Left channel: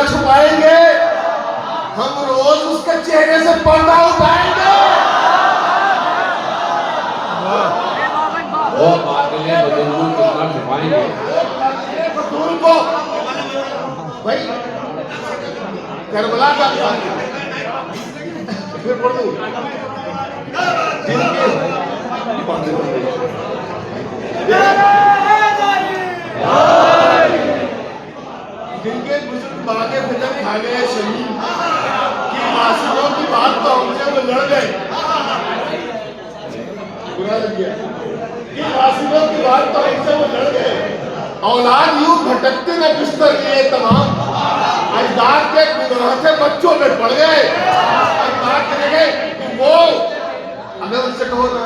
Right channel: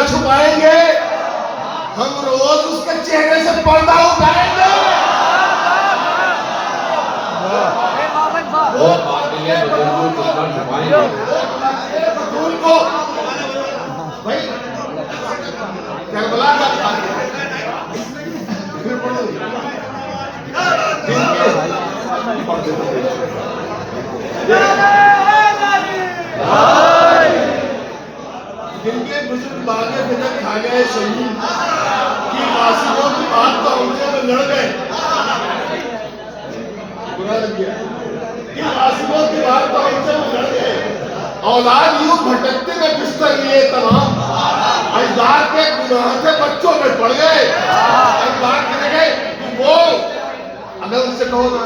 कितना छुपाएंगे, हम रोज उसके चेहरे से पर्दा उठाएंगे। वो कातिले बतूल को कितना छुपाएंगे, बतूल को भाई करबला का फिर पढ़ दो जिनके बुजुर्ग भागे फिर खा गए शहीद की आसिफों की बात तो हमसे वो लड़ गए, बुरा लग गया कि आसिफों की बात तो हमसे वो लड़ गए। औलाद यूं भटकते में बिस्तर लिए तमाम, अजदाद के गुनाह से बच्चों में पड़ गए। अजदाद कहेंगे कि वो अगर उनसे कहो ना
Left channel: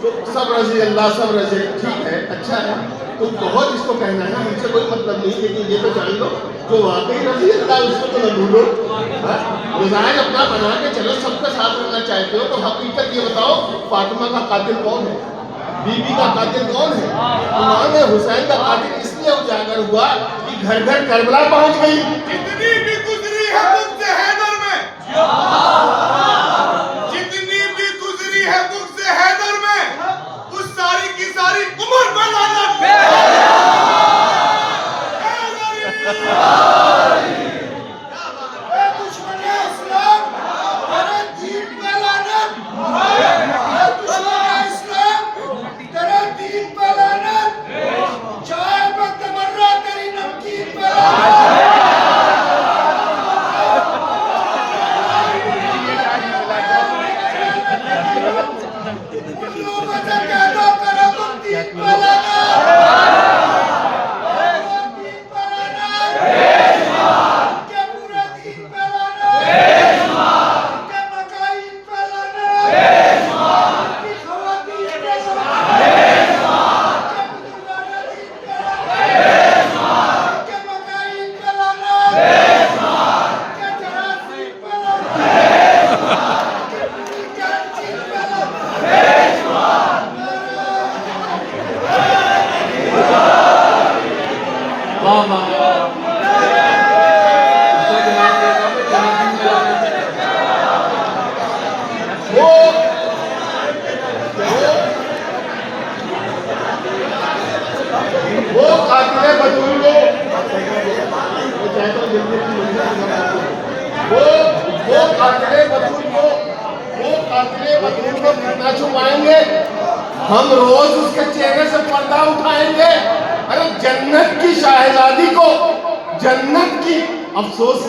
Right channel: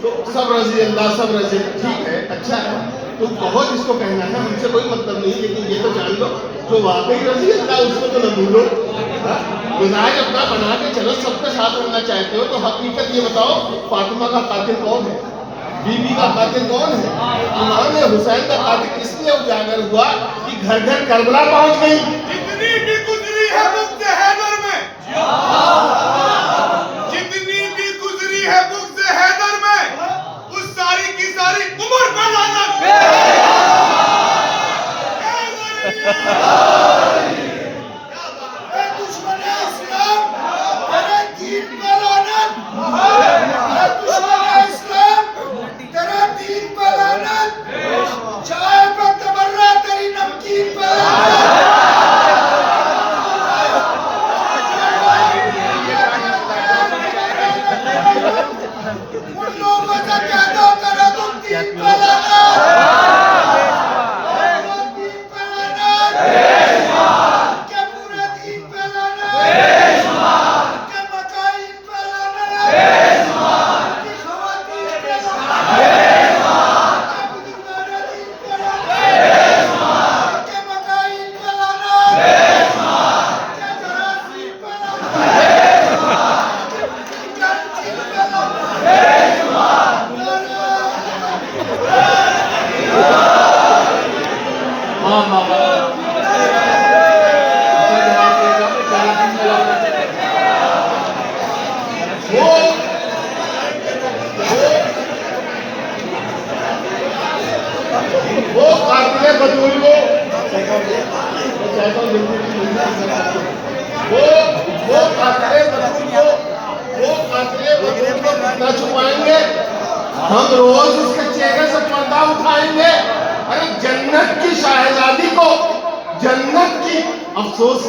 तो सब रजी अल्लाह सब रजी, ठीक है अच्छा है तुम कहो जिसको कहना है, हमसे कोई मतलब नहीं, लेकिन ये तो जान लो जो वाकई रजी अल्लाह उसको तो न भूलो। मिजाज अपना बना के चलो, सबके साथ रहना चाहते हो तो हकीकत ये बताओ फातिमा का कातिल कौन है, बीबी का कातिल कौन है? इमाम हुसैन का कातिल इसलिए उजागर हुआ कि घर घर करबला पहुंच गई। जितनी भी गुजरी है मुझसे हैदर में, जितनी भी गुजरी है मुझसे हैदर में, उस सारी की सारी उम्र पर लानत। दुश्मन इस्लाम तेरे दीन पे लानत, दुश्मन इस्लाम तेरे दीन पे लानत, चाय पे तबर्रा तेरी नमकीन पे लानत। उन लोगों से कह दो करो तुम दीन पे लानत। कितना छुपाएंगे, हम रोज उसके चेहरे से पर्दा उठाएंगे। अरे जन्नत की शाहजादी को, जन्नत की अफसोस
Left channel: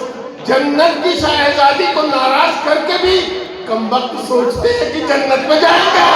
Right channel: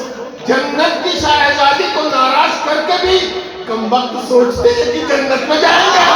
जन्नत की शाहजादी को नाराज करके भी कमबख्त सोचते हैं कि जन्नत में जाएंगे।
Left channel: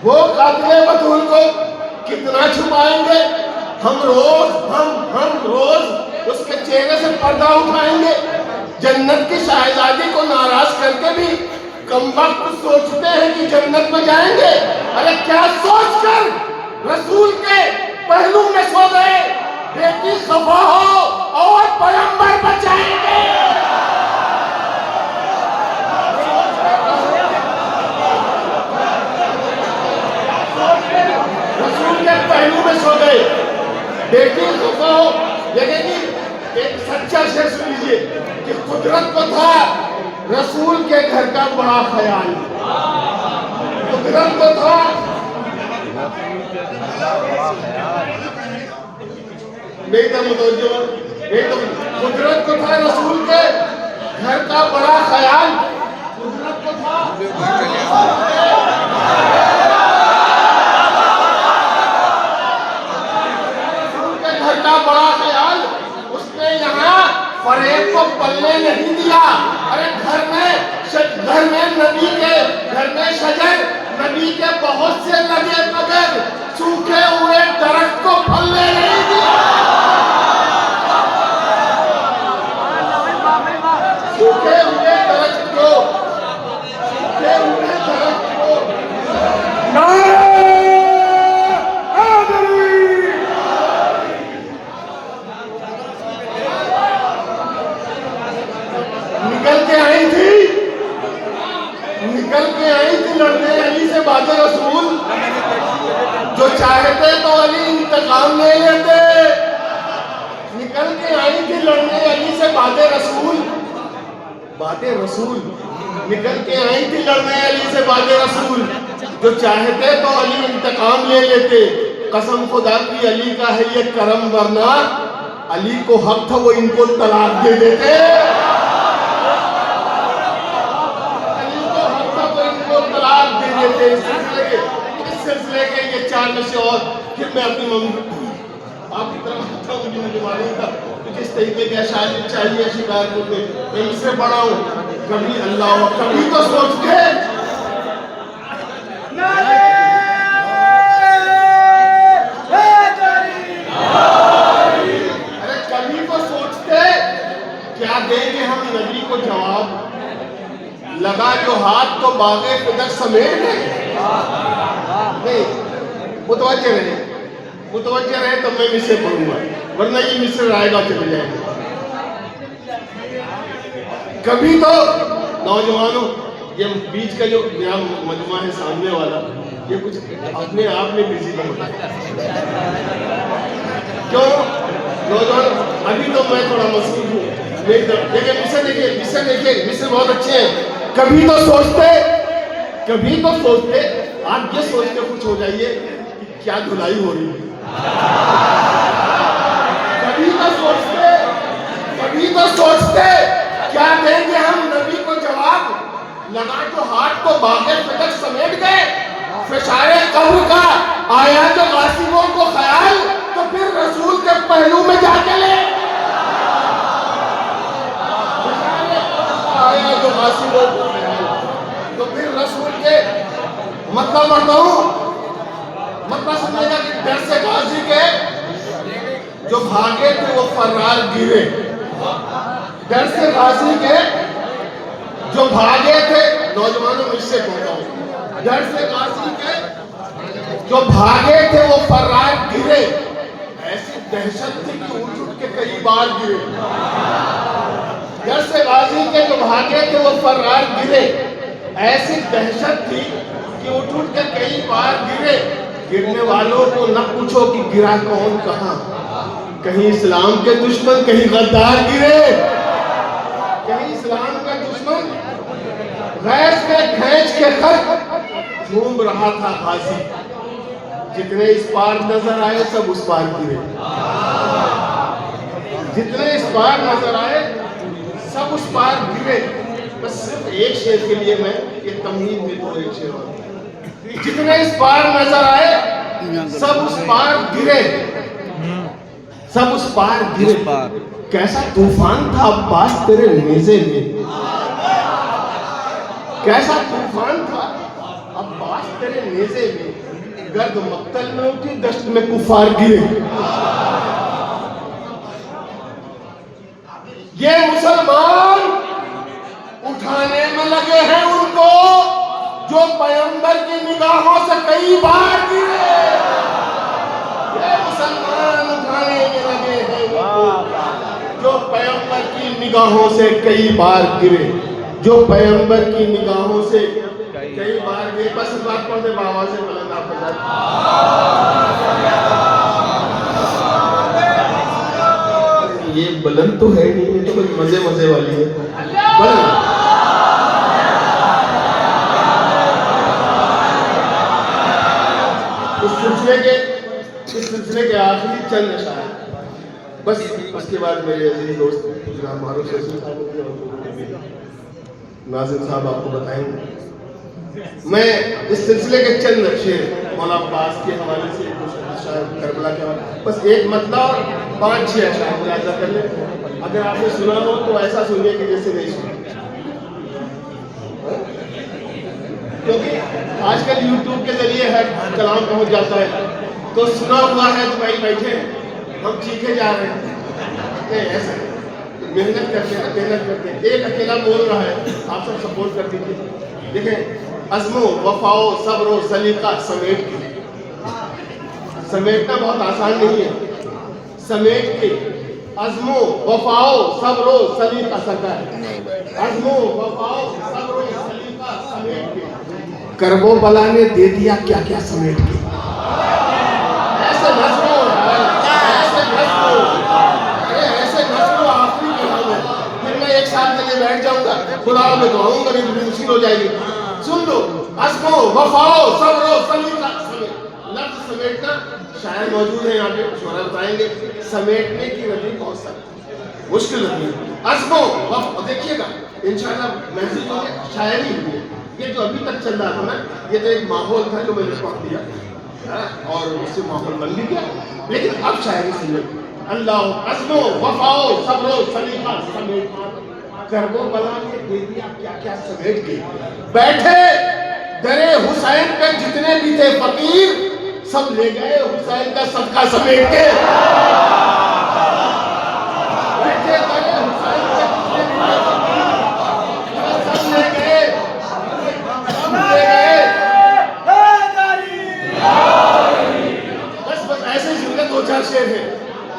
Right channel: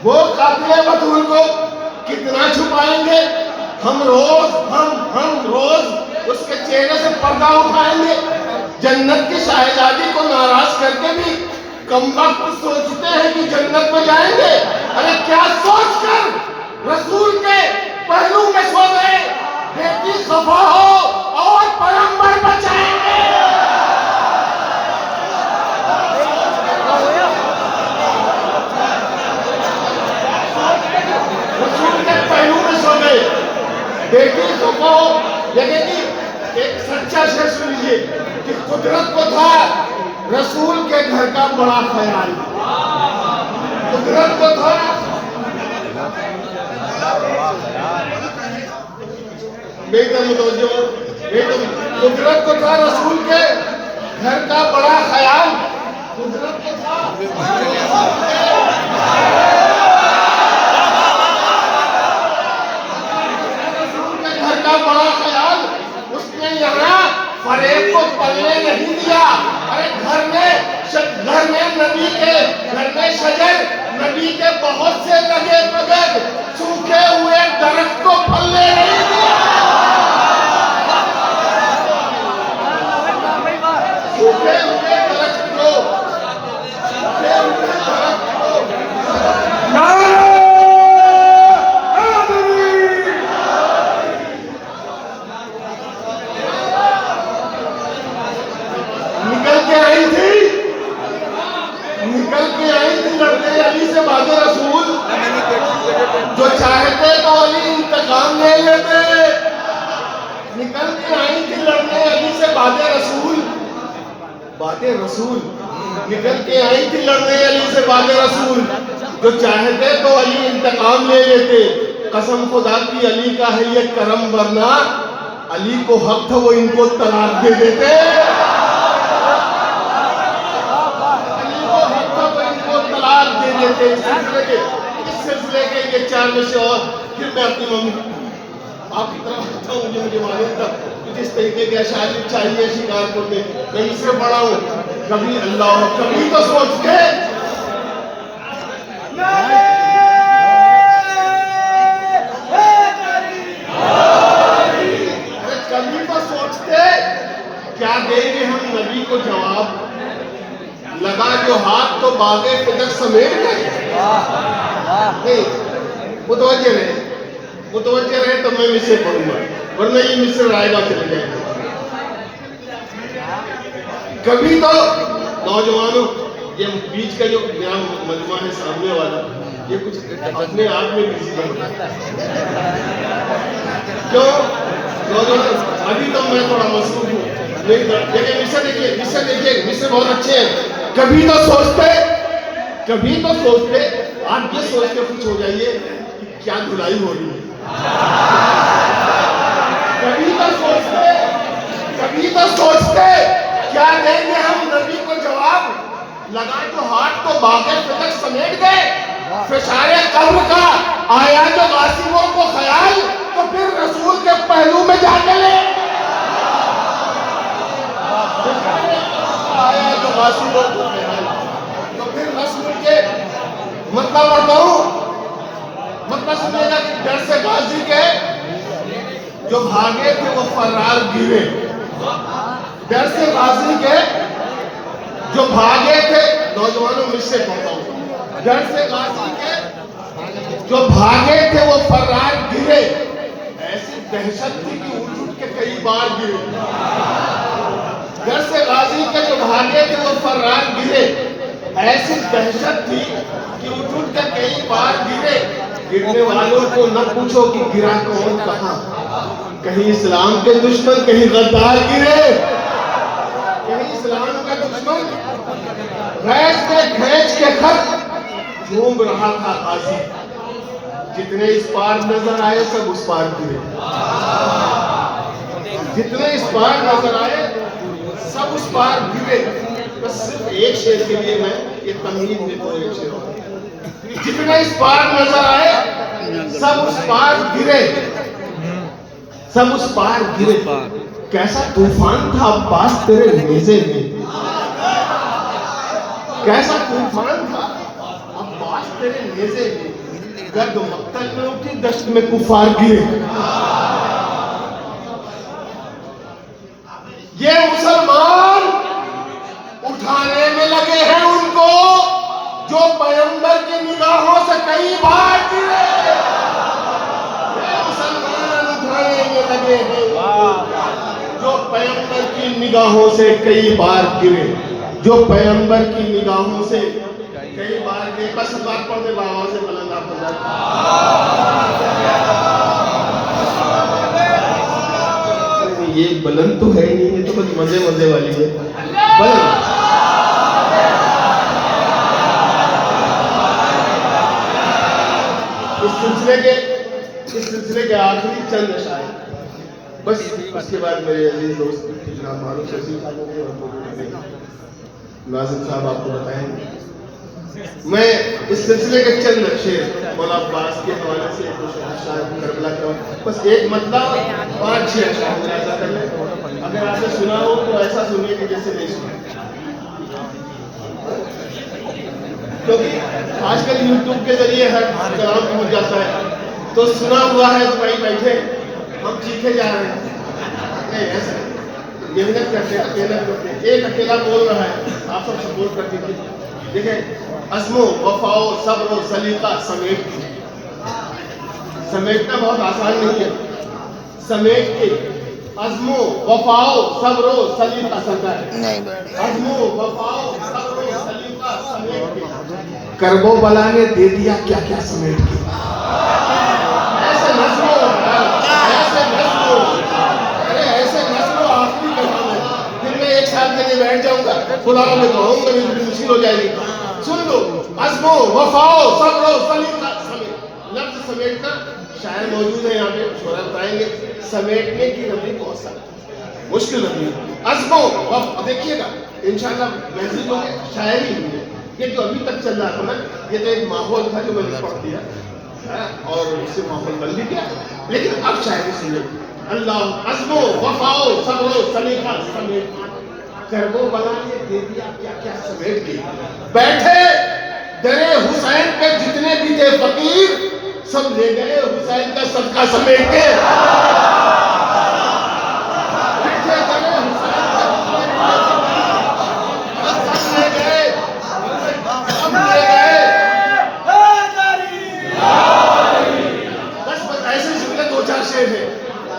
वो कातिले बतूल को कितना छुपाएंगे, हम रोज उसके चेहरे से पर्दा उठाएंगे। जन्नत की शाहजादी को नाराज करके भी कमबख्त सोचते हैं कि जन्नत में जाएंगे। अरे क्या सोचकर रसूल के पहलू में सो गए, बेटी खफा हो और पैगंबर बचाएंगे। रसूल के पहलू में सो गए, बेटी खफा हो। लेकिन एक सच्चा शख्स लीजिए कि कुदरत को था रसूल के घर का बड़ा ख्याल, कुदरत को था बड़ा ख्याल। मेरी तरफ मुतवज्जो हो। मेरी तो कुदरत को था रसूल के घर का बड़ा ख्याल, कुदरत को था घर का बड़ा ख्याल। उसने यहाँ फरेब को पलने नहीं दिया। अरे घर में नबी के घर में शजर नबी के बहुत से लगे मगर सूखे हुए दरख्त को फलने नहीं दिया। सूखे हुए दरख्त को निकल के आई थी लड़ने अली से बात रसूल। जो चाहते तो अली इंतकाम ले लेते। निकल के आई थी लड़ने अली से बातें रसूल निकल के आई थी लड़ने अली से बातें रसूल। जो चाहते तो अली इंतकाम ले लेते। कसम खुदा की अली का है ये करम, वरना अली को हक था वो इनको तलाक दे देते। इस सिलसिले के ये 4 में से और फिर मैं अपनी मम्मी आपकी तरफ मुझे मालूम था जिस तरीके के अशार चाहिए शिकार करने, मैं इससे बड़ा हूँ। कभी अल्लाह कभी तो सोचते कभी तो सोचते क्या देंगे हम नबी को जवाब। लगा जो हाथ तो बागे फिदक समेट गए। नहीं मुतवज्जे रहे तो मैं मिस्र पढ़ूंगा, वरना ये मिस्र आएगा चले जाएगा। कभी तो नौजवानों ये बीच का जो मेरा मजमा है सामने वाला, ये कुछ अपने आप में बिजी बन क्यों नौजवान। अभी तो मैं थोड़ा मसरूफ हूँ। देखिए मिस्र बहुत अच्छे हैं। कभी तो सोचते आप ये सोच के खुश हो जाइए कि क्या धुलाई हो रही है। कभी तो सोचते क्या देंगे हम नबी को जवाब। लगा तो हाथ तो बागे फिदक समेट गए। फिशारे कब्र का आया जो गासिबों को ख्याल, तो फिर रसूल के पहलू में जाके ले आया जो गासिबों को ख्याल। तो फिर रसूल के मतलब बताऊं, मतलब सुनेगा कि डर से गाजी के जो भागे थे वो फरार गिरे। डर से गाजी के जो भागे थे, नौजवानों मुझसे कह रहा हूं, डर से गाजी के जो भागे थे वो फरार गिरे। ऐसी दहशत थी कि उठ के कई बार गिरे। डर से गाजी के जो भागे थे वो फरार गिरे। ऐसी दहशत थी कि उठ के कई बार गिरे। गिरने वालों को न पूछो कि गिरा कौन कहां। कहीं इस्लाम के दुश्मन, कहीं गद्दार गिरे। कहीं इस्लाम का दुश्मन गैस के खींच के खत झूम रहा था गाजी। जितने इस पार नजर आए सब उस पार गिरे। जितने इस पार नजर आए सब उस पार गिरे। बस सिर्फ एक शेर के लिए मैं ये तमहीद में दो एक शेर। जितने इस पार नजर आए सब उस पार गिरे। सब उस पार गिरे। कैसा तूफान था अब्बास तेरे नेज़े में। कैसा तूफान था अब्बास तेरे नेज़े में। गर्द मक्तल में उठी दश्त में कुफार गिरे। ये मुसलमान उठाने में लगे हैं उनको जो पैगंबर की निगाहों से कई बार गिरे। ये मुसलमान उठाने में लगे हैं जो पैगंबर की निगाहों से कई बार गिरे। जो पैगंबर की निगाहों से कई बार गिरे। बस बात पढ़ते बाबा से बुलंद आप ये बुलंद तो है नहीं, ये तो कुछ मजे मजे वाली है। बुलंद इस सिलसिले के आखिरी चंद अशार बस उसके बाद मेरे अजीज दोस्त जनाब मारूफ शफी साहब के और नाज़िम साहब आपको बताएंगे। मैं इस सिलसिले के चंद शेर मौला अब्बास के हवाले से करबला के हवाले बस एक मतलब और 5-6 अशआर मुलाज़ा कर ले। अगर आपने सुना हो तो ऐसा सुनिए कि जैसे नहीं सुना, क्योंकि आजकल यूट्यूब के जरिए हर कलाम पहुंच जाता है, तो सुना हुआ है तो भाई बैठे हम चीखे जा रहे हैं ऐसा मेहनत करते एक अकेला बोल रहा है, आप सब सपोर्ट कर दीजिए। देखें, अज़्मो वफ़ाओ सब्र सलीका समेटना बहुत आसान नहीं है। समेट के अज़्मो वफ़ाओ सब्र सलीका अज़्मो वफ़ाओ सब्र सलीका समेट के करबो बला ने दे दिया क्या क्या समेट के। ऐसे नज़्मो आखिरी कलम है। फिर मैं एक साल के लिए बैठ जाऊंगा, खुदा में दुआऊंगा, नहीं तो मुश्किल हो जाएगी। सुन लो, अज़्मो वफ़ाओ सब्र सलीका लफ्ज़ समेटना शायद मौजूद है यहाँ पे, शोरा बताएंगे। समेटने की वजह बहुत सख्त मुश्किल होती है। अज़्मो देखिएगा इंशाल्लाह महसूस होगी शायरी हुई। ये जो अभी तक चल रहा था ना, ये तो एक माहौल था जो मैंने पढ़ दिया और उससे माहौल बन भी गया, लेकिन अब शायरी सुने। अल्लाह अज़्मो वफ़ाओ सब्र सलीका समेटना करबो बला ने दे दिया क्या क्या समेट के। बैठे दरे हुसैन पे जितने भी थे फकीर, सब ले गए हुसैन का सदका समेट के। बैठे दरे हुसैन पे जितने भी थे फकीर, सब ले गए बस ऐसे सुनने 2-4 शेर है।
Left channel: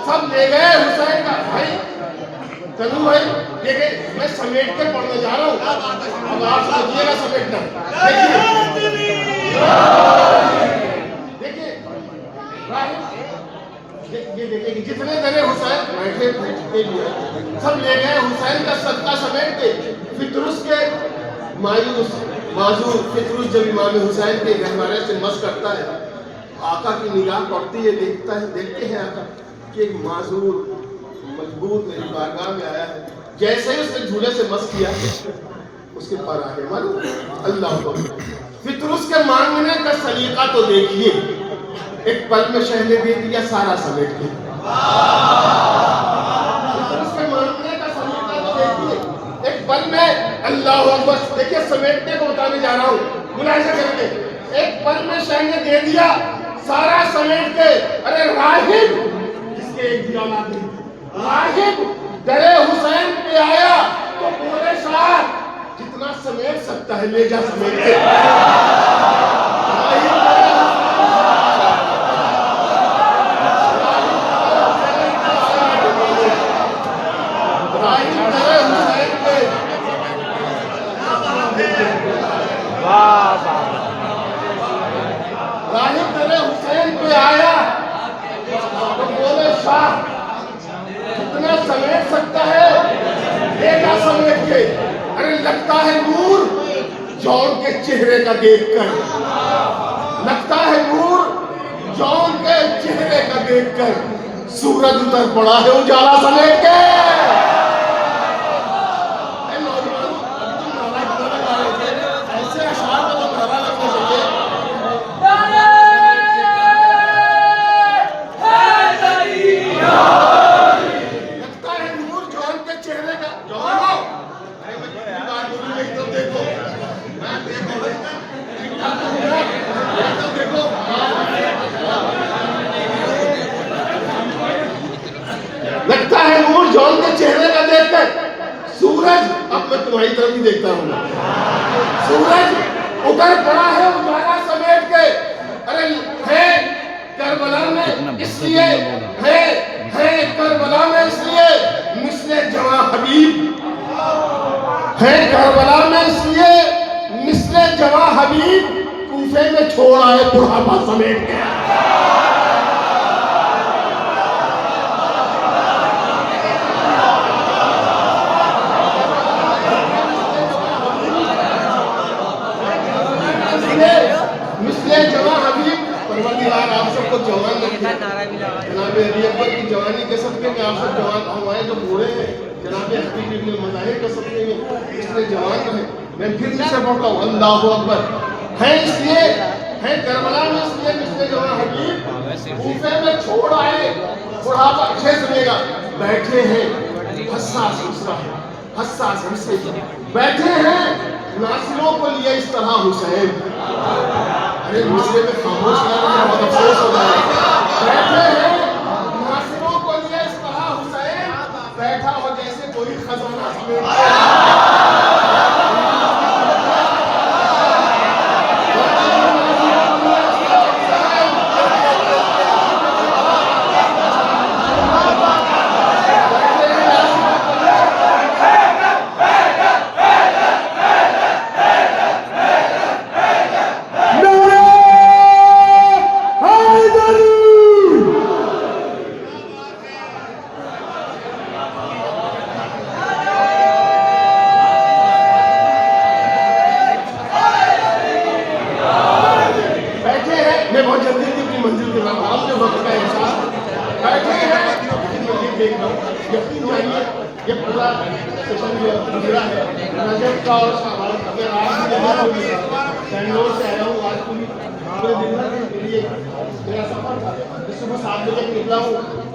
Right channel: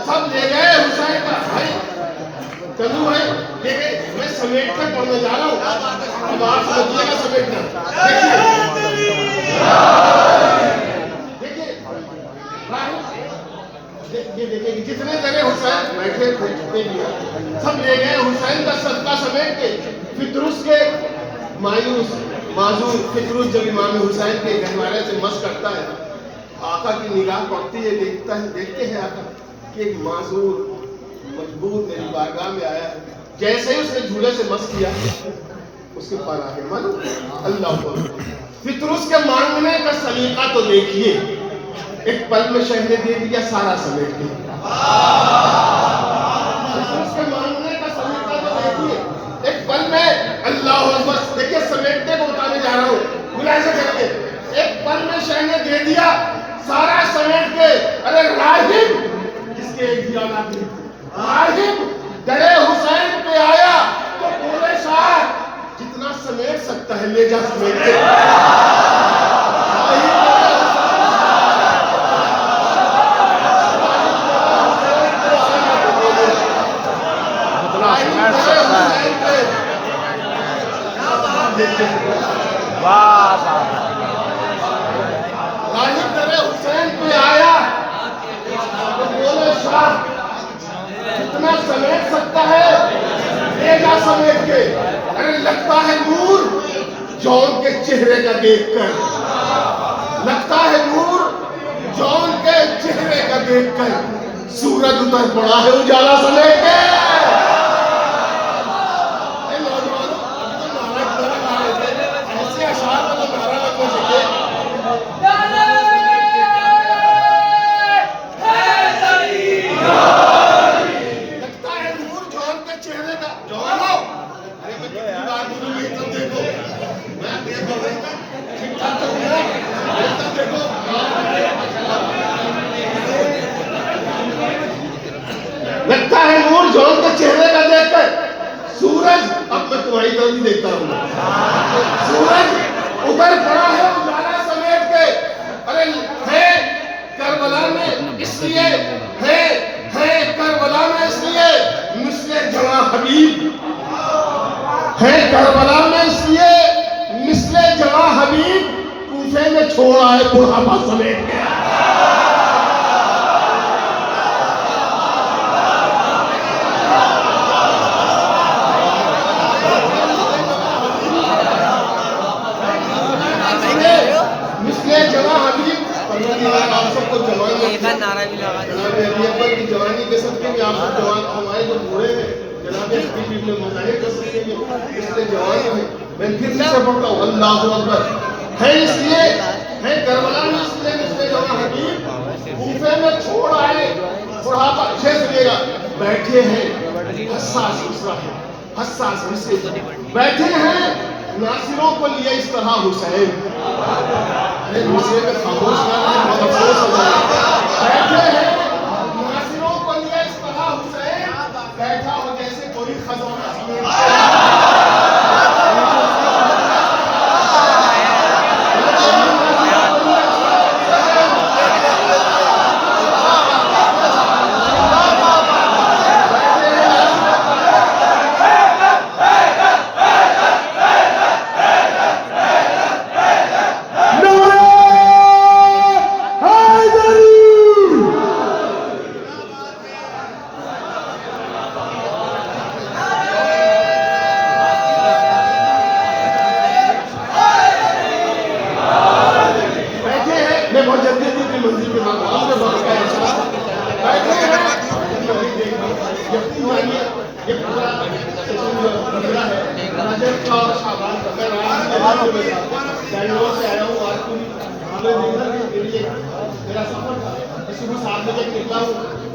सब ले गए हुसैन का भाई कलू भाई, देखिए मैं समेट के पढ़ने जा रहा हूँ, अब आप समझिएगा समेटना। देखिए कि जितने जने हुसैन बैठे थे सब ले गए हुसैन का सदका समेट के। फितरुस के मायूस माजूर फितरुस जब इमाम हुसैन के घरवाले से मस करता है, आका की निगाह पड़ती है, देखते हैं आका कि एक माजूर मजबूत मेरी बारगाह में आया है। जैसे ही उसने झूले से मस किया, उसके पर आगे मालूम अल्लाह को फितरुस के मांगने का सलीका तो देखिए, एक पल में शह ने दे दिया सारा समेट के। फितरुस के मांगने का सलीका तो देखिए, एक पल में अल्लाह अकबर। देखिए समेटने को बताने जा रहा हूँ, मुलाहिजा करके। एक पल में शह ने दे दिया सारा समेट के। अरे राहिब जिसके एक भी औलाद नहीं, राहिब डरे हुसैन पे आया तो बोले साहब जितना समेट सकता है ले जा समेट के। राहिब डरे हुसैन पे आया तो बोले साहब जितना समेट सकता है लेगा समेट के। अरे लगता है नूर जौन के चेहरे का देखकर, लगता है नूर जौन के चेहरे का देखकर सूरज उतर पड़ा है उजाला समेट के। ऐसे अशआर वाला धारा लगना चाहिए। लगता है नूर जौन के चेहरे का देखकर सूरज, अब मैं तुम्हारी तरफ ही देखता हूँ, सूरज उतर पड़ा है उजाला समेट के। अरे है करबला में इसलिए है करबला में इसलिए मिसले जवां हबीब, है करबला में इसलिए मिसले जवां हबीब कूफे में छोड़ा है बुढ़ापा समेट के। मिसले जवां हबीब, आप सबको जवान जनाब अली अकबर की जवानी के सदके में आप सब जवान हमारे जो बूढ़े हैं जनाब हबीब इब्न मज़ाहिर के सदके में इसलिए जवान में मैं फिर से पढ़ता हूँ अल्लाहु अकबर है इसलिए है करबला में इसलिए इसलिए जवान हबीब कूफे में छोड़ आए बुढ़ापा छे सुनिएगा बैठे हैं हसास हिस्सा है हसास हिस्से बैठे हैं नासिरों को लिए इस तरह हुसैन अरे मुझसे में खामोश कर रहे हैं बहुत अफसोस हो रहा है बैठे हैं नासिरों को लिए इस तरह हुसैन बैठा हो जैसे कोई खजाना समेट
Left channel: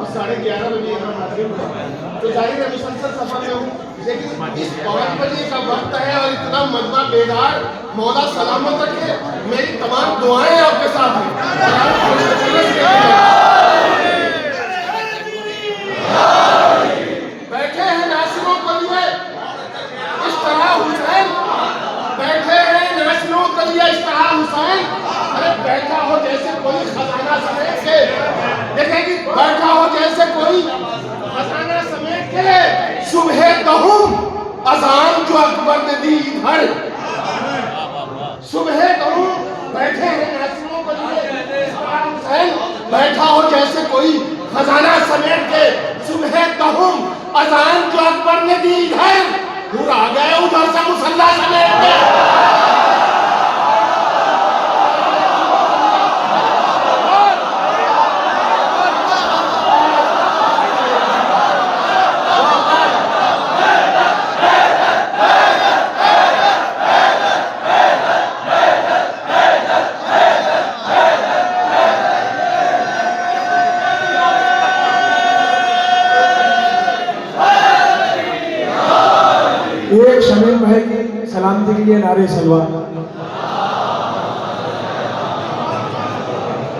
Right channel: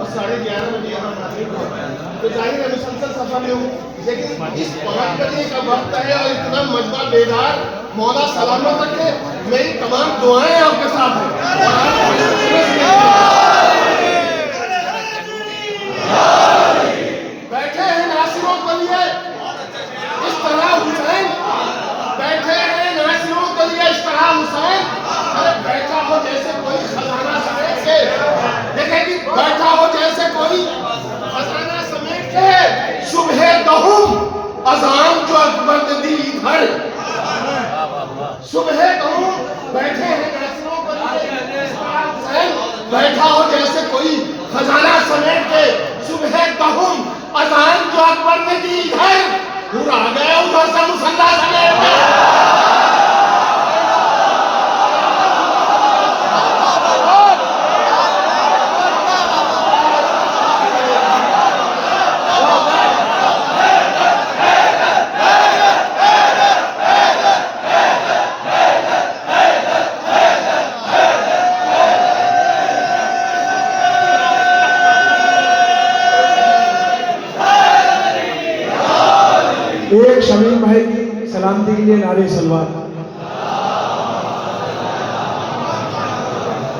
और 11:30 बजे यहाँ हाजिर हुआ तो जाहिर है मुसलसल सफर में हूँ लेकिन इस 5 बजे का वक्त है और इतना मजबा बेदार मौला सलामत रखे मेरी तमाम दुआएं आपके साथ हैं बैठे हैं नासिरों को लिए इस तरह हुसैन बैठे हैं नासिरों को लिए इस तरह हुसैन अरे बैठा हो जैसे कोई खजाना समेट के देखेगी बैठा हो जैसे कोई खजाना समेट के सुबह कहूँ अजान जो अकबर ने दी इधर सुबह कहूँ बैठे हैं नासिरों को लिए बैठा हो जैसे कोई खजाना समेट के सुबह कहूँ अजान जो अकबर ने दी इधर दूर आ गए उधर से मुसल्ला समेट के एक शमीम भाई की सलामती के लिए नारे सलवा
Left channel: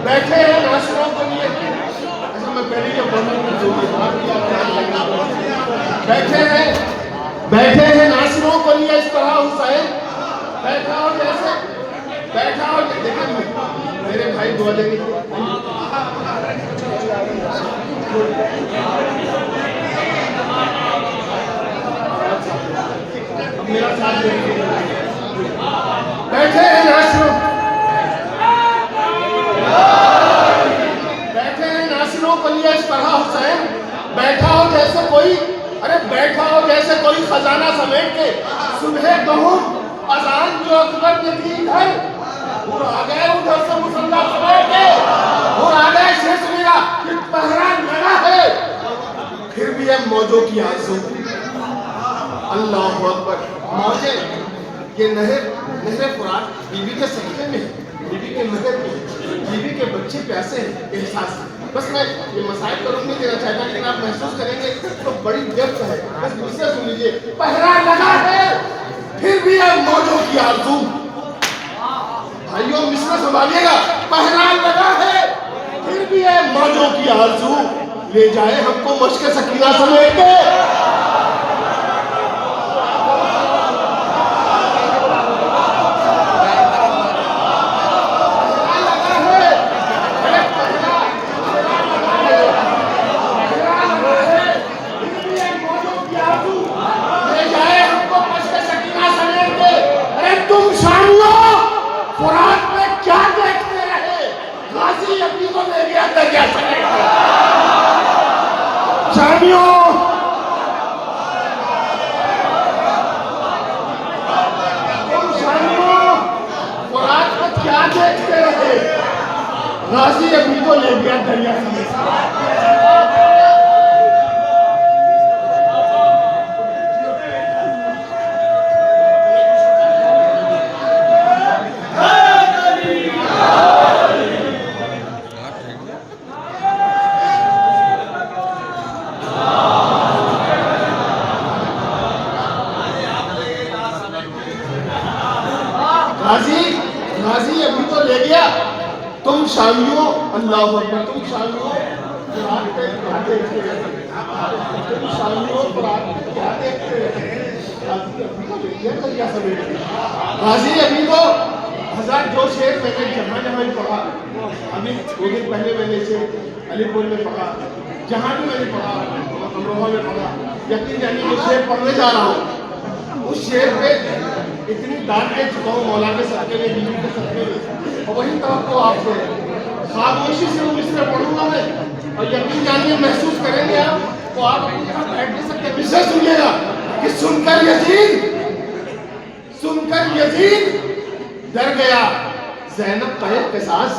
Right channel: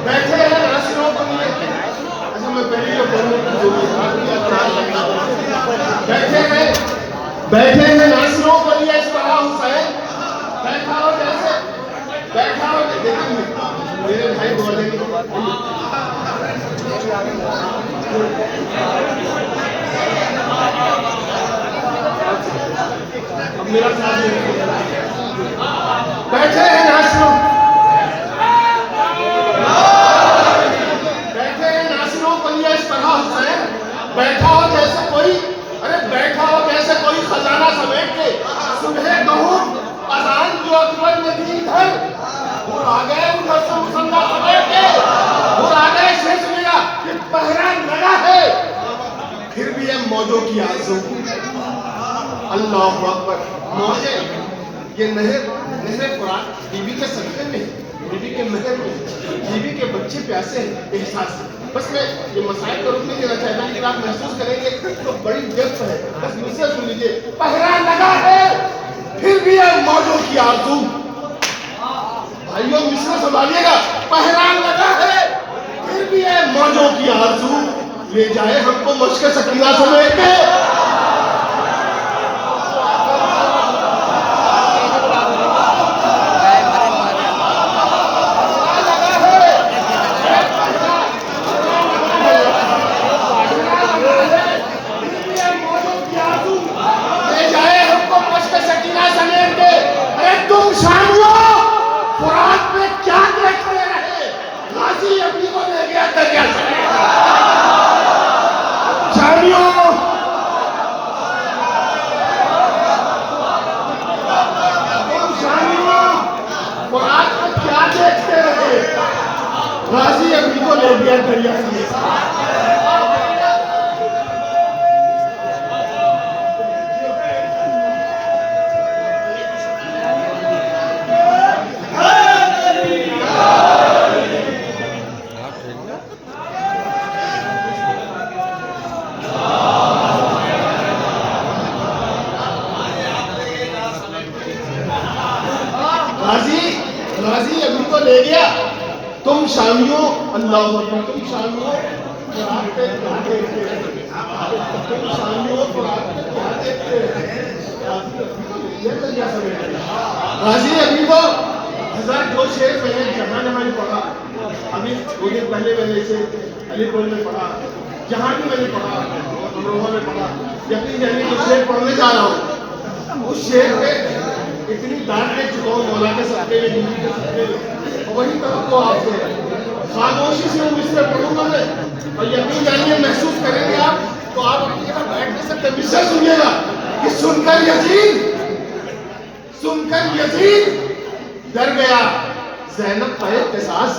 बैठे हैं नासिरों को लिए अच्छा मैं पहले ये बोलूं जो भी बैठे हैं नासिरों को लिए इस तरह हुसैन बैठा हो देखिए मेरे भाई बोलेंगे मेरा साथ बैठे हैं नासिरों को लिए इस तरह हुसैन बैठा हो जैसे कोई अरे बैठा हो जैसे कोई खजाना समेट के सुबह कहूँ अजान जो अकबर ने दी घर वो आ गए उधर से मुसल्ला समेट के वो आ गए शेष मेरा पहरा लगा है फिर भी ये मौजों की आरज़ू अल्लाह अकबर मौजे ये नहर फुरात बीबी के सदक़े में बीबी के महर में बीबी के बच्चे प्यासे एहसास बस मैं ये मसाइल का रुख नहीं देना चाहता लेकिन आप महसूस करेंगे तो बड़ी व्यस्त है बस मुझसे सुन लीजिए पहरा लगा है फिर भी अब मौजों की आरज़ू भाइयों मिश्रा संभालिएगा पहरा लगा है फिर भी है मौजों की आरज़ू ले जाए हमको मश्क सकीना से लेके अल्लाह अकबर, तुम शामिल हो कुरान पे क्या देखते हैं? तुम शामिल हो कुरान पे क्या देखते हैं? गाजी अभी तो हजार जो शेर मैंने जहां जहां पढ़ा, अभी 2 दिन पहले मैंने इसे अलीपुर में पढ़ा, जहां भी मैंने पढ़ा और रोहा में पढ़ा, यकीन जानिए जो शेर पढ़ने जा रहा हूँ उस शेर पे इतनी डांट ले चुका हूँ मौला के सदके में, बीवी के सदके में, और वही कहा तो आपसे खामोशी से उस पे पढ़ूंगा मैं, और यकीन जानिए महसूस करेंगे आप, तो आप अपनी जगह बैठ नहीं सकते। विषय सुनिएगा कि सुनकर यजीद डर गया, ज़ैनब पे किसास।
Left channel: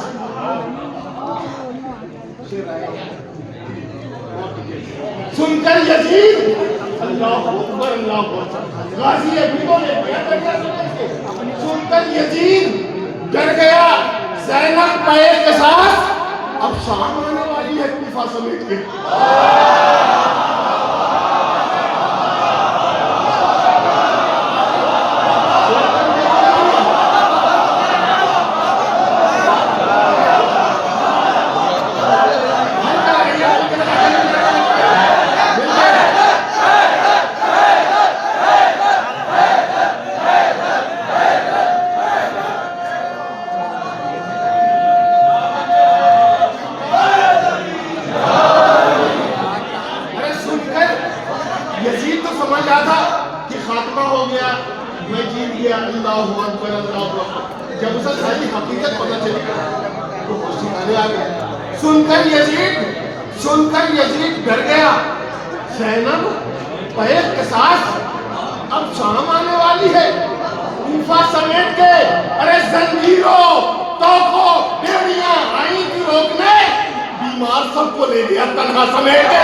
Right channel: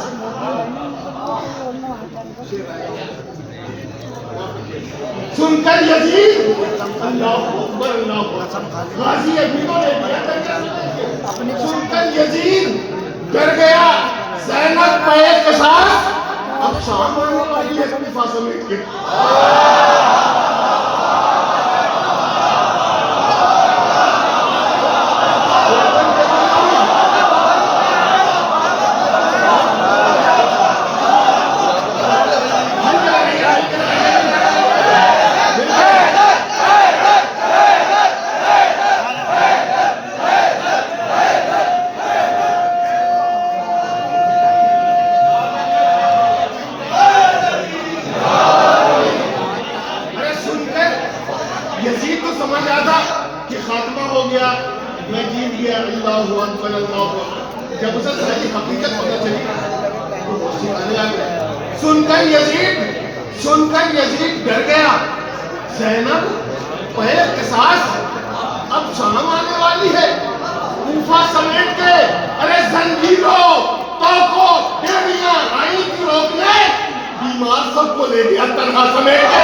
सुनकर यजीद, अल्लाह अकबर, अल्लाह अकबर, गाजी अभी को ले गया सुनकर यजीद डर गया, ज़ैनब पे किसास। अब शाम आने वाली है इस्तीफा समेट के। यजीद तो समझ रहा था कि खात्मा हो गया, मैं जीत गया, अल्लाह अकबर, अल्लाह अकबर। जब उसे सही हकीकत पता चली तो खुशी आने आ गया। सुनकर यजीद डर गया, ज़ैनब पे किसास। अब शाम आने वाली है, कूफा समेट के, अरे जंजीरों तोपों बेड़ियां आई थी रोकने, बीमार सबको ले गया तन्हा समेट के।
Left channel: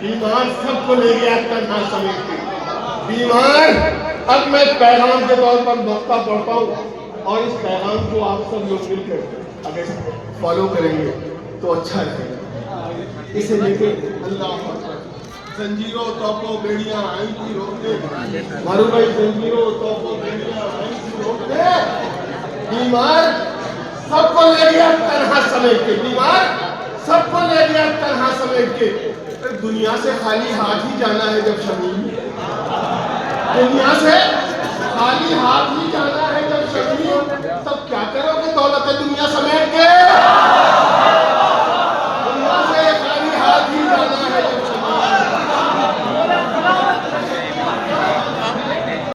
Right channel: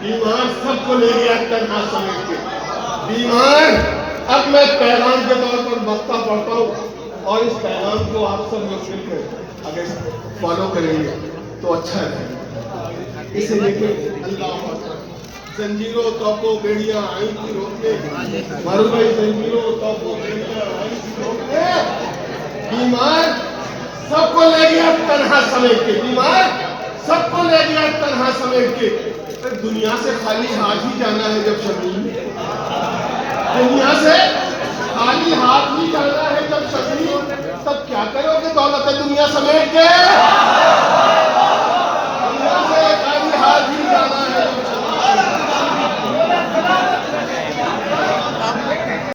बीमार सबको ले गया तन्हा समेट के। बीमार, अब मैं पैगाम के तौर पर मक्ता पढ़ता हूँ और इस पैगाम को आप सब लोग मिलकर अगर फॉलो करेंगे तो अच्छा रहेगा। इसे लेके अल्लाह जंजीरों तोपों बेड़ियां आई थी रोकने, मरु गई जंजीरों तोपों बेड़ियां आई थी रोकने, बीमार सबको ले गया तन्हा समेट के। बीमार सबको ले गया तन्हा समेट के। दुनिया से खाली हाथ ही जाना है जब शमीम, दुनिया से खाली हाथ ही जाना है जब शमीम, तब क्या करोगे दौलत दुनिया समेट के?